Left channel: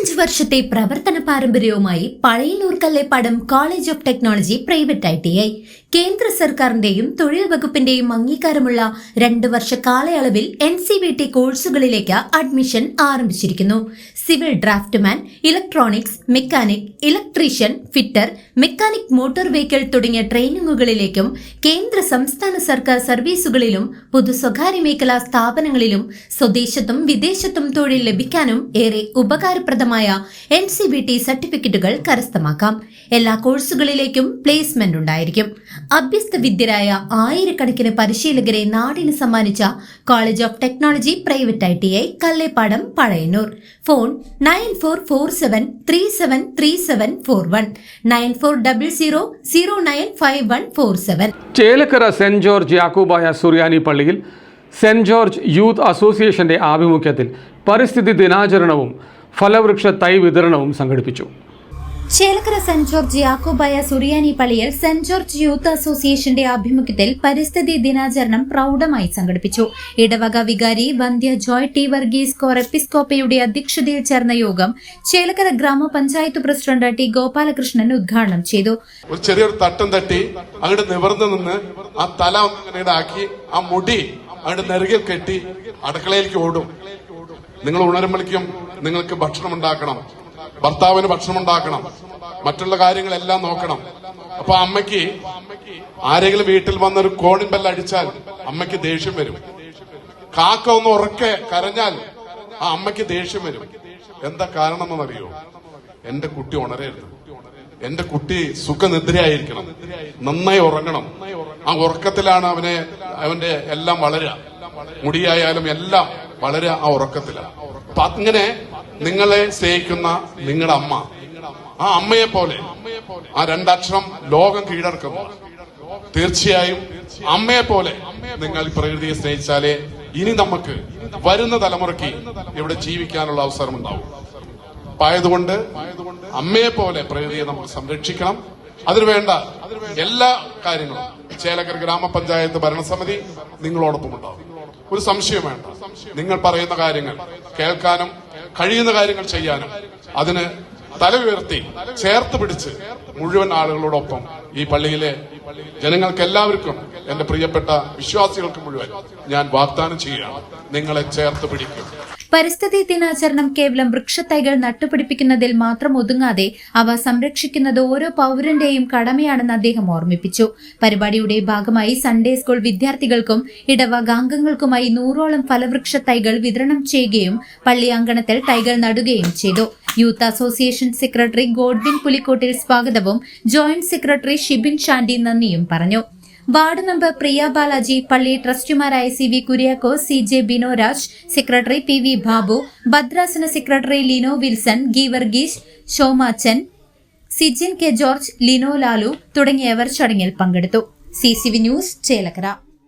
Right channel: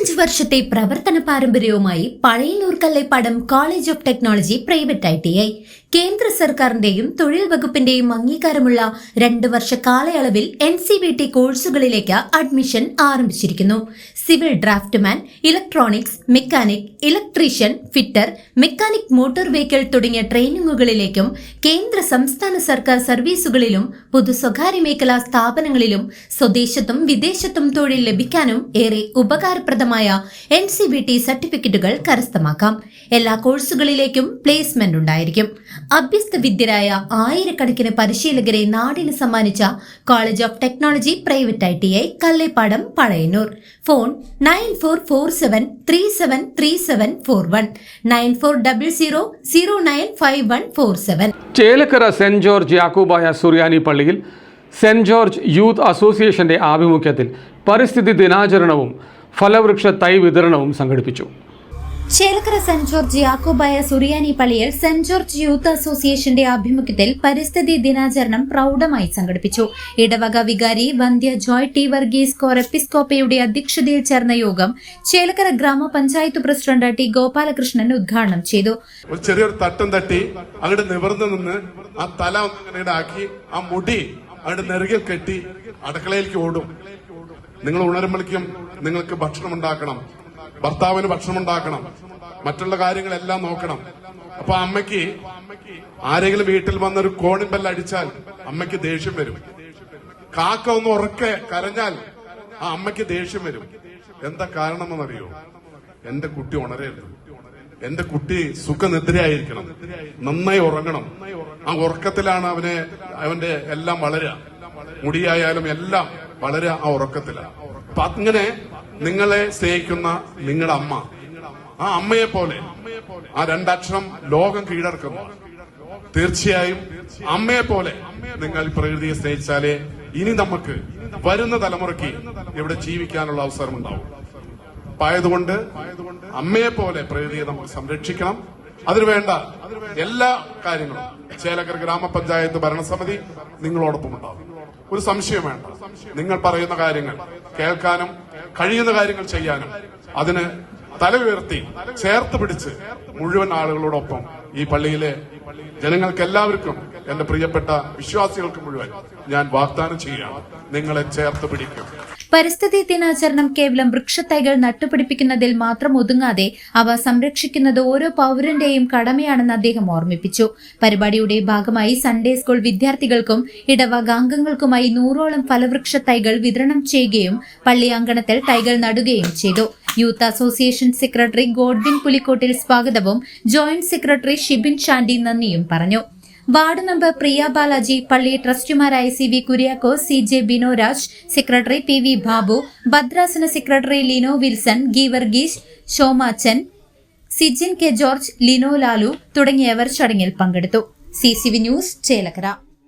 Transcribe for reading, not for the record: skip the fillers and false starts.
25 വർഷത്തെ പ്രവർത്തന പാരമ്പര്യവുമായി Pazhayannur Kallepadam college of technology private ITI കേന്ദ്ര സർക്കാരിന്റെയും തൊഴിൽ വകുപ്പിന്റെയും അംഗീകാരമുള്ള 2 വർഷ കാലയളവിൽ NCVT കോഴ്സുകളിലേക്ക് അഡ്മിഷൻ ആരംഭിച്ചിരിക്കുന്നു. Civil draughtsman, electronics, mechanic, electrician, fitter, mechanic motor vehicle തുടങ്ങിയ ട്രെയിനിങ്ങുകളിലേക്കും കേന്ദ്ര സംസ്ഥാന സർക്കാർ സർവീസുകളിലും പൊതു സ്വകാര്യ മേഖലാ സ്ഥാപനങ്ങളിലും സ്വദേശത്തും വിദേശത്തും തൊഴിൽ ലഭിക്കാനും ഏറെ ഉപകാരപ്രദമായ NCVT സർട്ടിഫിക്കറ്റുകൾ കരസ്ഥമാക്കാം. എല്ലാ കോഴ്സുകളിലേക്കും പ്ലേസ്മെന്റ് ഉണ്ടായിരിക്കും. അഭ്യസ്ത വിദ്യരായ ആയിരക്കണക്കിന് പരിശീലകരെ നാടിന് സമ്മാനിച്ച college of technology private ITI Kallepadam Pazhayannur. Phone 9447373741 9400095147. Chelakkara saint George Yakobaya Suriyani പള്ളിയിൽ സെന്റ് ജോർജ് യൂത്ത് അസോസിയേഷന്റെ ആഭിമുഖ്യത്തിൽ പരിസ്ഥിതി ദിനാചരണവും ഫലവൃക്ഷ തൈ വിതരണവും സംഘടിപ്പിച്ചു. ചേലക്കര സെന്റ് ജോർജ് യാക്കോബായ സുറിയാനി പള്ളിയിൽ സെന്റ് ജോർജ് യൂത്ത് അസോസിയേഷന്റെ ആഭിമുഖ്യത്തിൽ പരിസ്ഥിതി ദിനാചരണം പ്രൗഢമായി സംഘടിപ്പിച്ചു. ഇടവക വികാരി വന്ധ്യ ജോയ് ടി വർഗീസ് കോർ എപ്പിസ്കോപ്പയുടെ അധ്യക്ഷതയിൽ ചേർന്ന യോഗം ചേലക്കര ഗ്രാമപഞ്ചായത്ത് പ്രസിഡന്റ് ടി ഗോപാലകൃഷ്ണൻ ഉദ്ഘാടനം ചെയ്തു. ഒരു ചെറിയൊരു തട്ടം തട്ടി അങ്ങോട്ട് നിവർന്നു നിന്ന് ആ തല ആക്കി ആ മുടി അങ്ങോട്ട് നെറുകിൽ കെട്ടി അടുക്കളയിലേക്ക് ഓടും. നിങ്ങൾ ഉണരുമ്പോഴേക്കും നിങ്ങൾക്ക് ഭക്ഷണം ഉണ്ടാക്കണം, ഭർത്താവിന് ഭക്ഷണം ഉണ്ടാക്കണം, മറ്റുള്ള കാര്യങ്ങളെല്ലാം നോക്കണം. അപ്പൊ അമ്മയ്ക്ക് ആരെങ്കിലും വീട്ടിൽ വന്നൊരു കോളിംഗ് ബെൽ അടിച്ചാൽ അമ്മയ്ക്ക് ദേഷ്യം വരും. കാക്ക ഒന്ന് ഉറക്കെ കരഞ്ഞാൽ ആ അമ്മയ്ക്ക് ദേഷ്യം വരും. എന്താ കാരണം എന്നറിയോ? എന്റെ കുട്ടി ഉണരരുത്, എന്റെ കുട്ടി സുഖനിദ്രയായിരിക്കണം, നന്നായി ഉറങ്ങണം. ആ ഉറക്കത്തിലാണ് അവന്റെ എല്ലാം വളരുക, മുടിയായാലും എല്ലാം വളരെ ആ ഉറക്കത്തിലാണ്. അപ്പൊ അങ്ങനെ നിങ്ങളെ സ്നേഹിക്കുന്ന നിങ്ങളുടെ അമ്മ, ആ അമ്മയെ പോലെ ആ 2 അക്ഷരം ലോകം കീഴടക്കുന്നു. തീർച്ചയായും അമ്മയെ പോലെ നിങ്ങൾ പ്രകൃതിയെ സ്നേഹിച്ചാലേ ഇനി നമുക്ക് വരുന്ന തലമുറയ്ക്ക് ഇവിടെ ജീവിക്കാനുള്ള അവസരം ഉണ്ടാവും. അപ്പൊ ആയതുകൊണ്ട് അമ്മയെ പോലെ പ്രകൃതിയെ നമുക്ക് സംരക്ഷിക്കണം. അതിനുവേണ്ട എല്ലാ കാര്യങ്ങളും ചേലക്കര ഗ്രാമപഞ്ചായത്ത് ഭരണസമിതി നിങ്ങളോടൊപ്പം ഉണ്ടാവും. ഒരു സംശയം വേണ്ട. നിങ്ങൾ പറയുന്ന കാര്യങ്ങൾ കേൾക്കാനും കഴിയുന്ന കാര്യങ്ങൾ ചെയ്യാനും അതിന് തല ഉയർത്തി ചേർത്ത് പിടിച്ച് മുഴുവൻ ആളുകളോടൊപ്പം ഈ പള്ളിയിലെ ജനങ്ങൾക്ക് എല്ലാവർക്കും, എന്റെ പ്രിയപ്പെട്ട വിശ്വാസികൾക്ക് മുഴുവൻ ഞാൻ വാഗ്ദാനം ചെയ്യുകയാണ്, നിങ്ങളെ ചേർത്ത് പിടിക്കും. പരിസ്ഥിതി ദിനാചരണം കേവലം വൃക്ഷത്തൈകൾ നട്ടുപിടിപ്പിക്കുന്നതിൽ മാത്രം ഒതുങ്ങാതെ അവ സംരക്ഷിക്കുന്നത് ഓരോ പൌരന്റെയും കടമയാണെന്ന് അദ്ദേഹം ഓർമ്മിപ്പിച്ചു. പരിപാടിയുടെ ഭാഗമായി സൺഡേ സ്കൂൾ വിദ്യാർത്ഥികൾക്കും ഇടവകാംഗങ്ങൾക്കുമായി 100ഓളം ഫലവൃക്ഷ തൈകൾ വിതരണം ചെയ്യുകയും പള്ളി അങ്കണത്തിൽ തൈകൾ നടുകയും ചെയ്തു. Youth association secretary Godwin Pulikkottil സ്വാഗതവും ജോയിന്റ് സെക്രട്ടറി ഷിബിൻ ഷാൻഡി നന്ദിയും പറഞ്ഞു. വാർഡ് മെമ്പർ പ്രിയ ബാലാജി, പള്ളി ട്രസ്റ്റിമാരായ CV Kuriakose, CJ Binoraj, secretary PV Babu, ഭദ്രാസന secretary Lino Wilson, Geevarghese, Shomachan, Sijin K George, Lino Lalu തുടങ്ങിയവർ ചടങ്ങിൽ പങ്കെടുത്തു. CCV news, Chelakkara.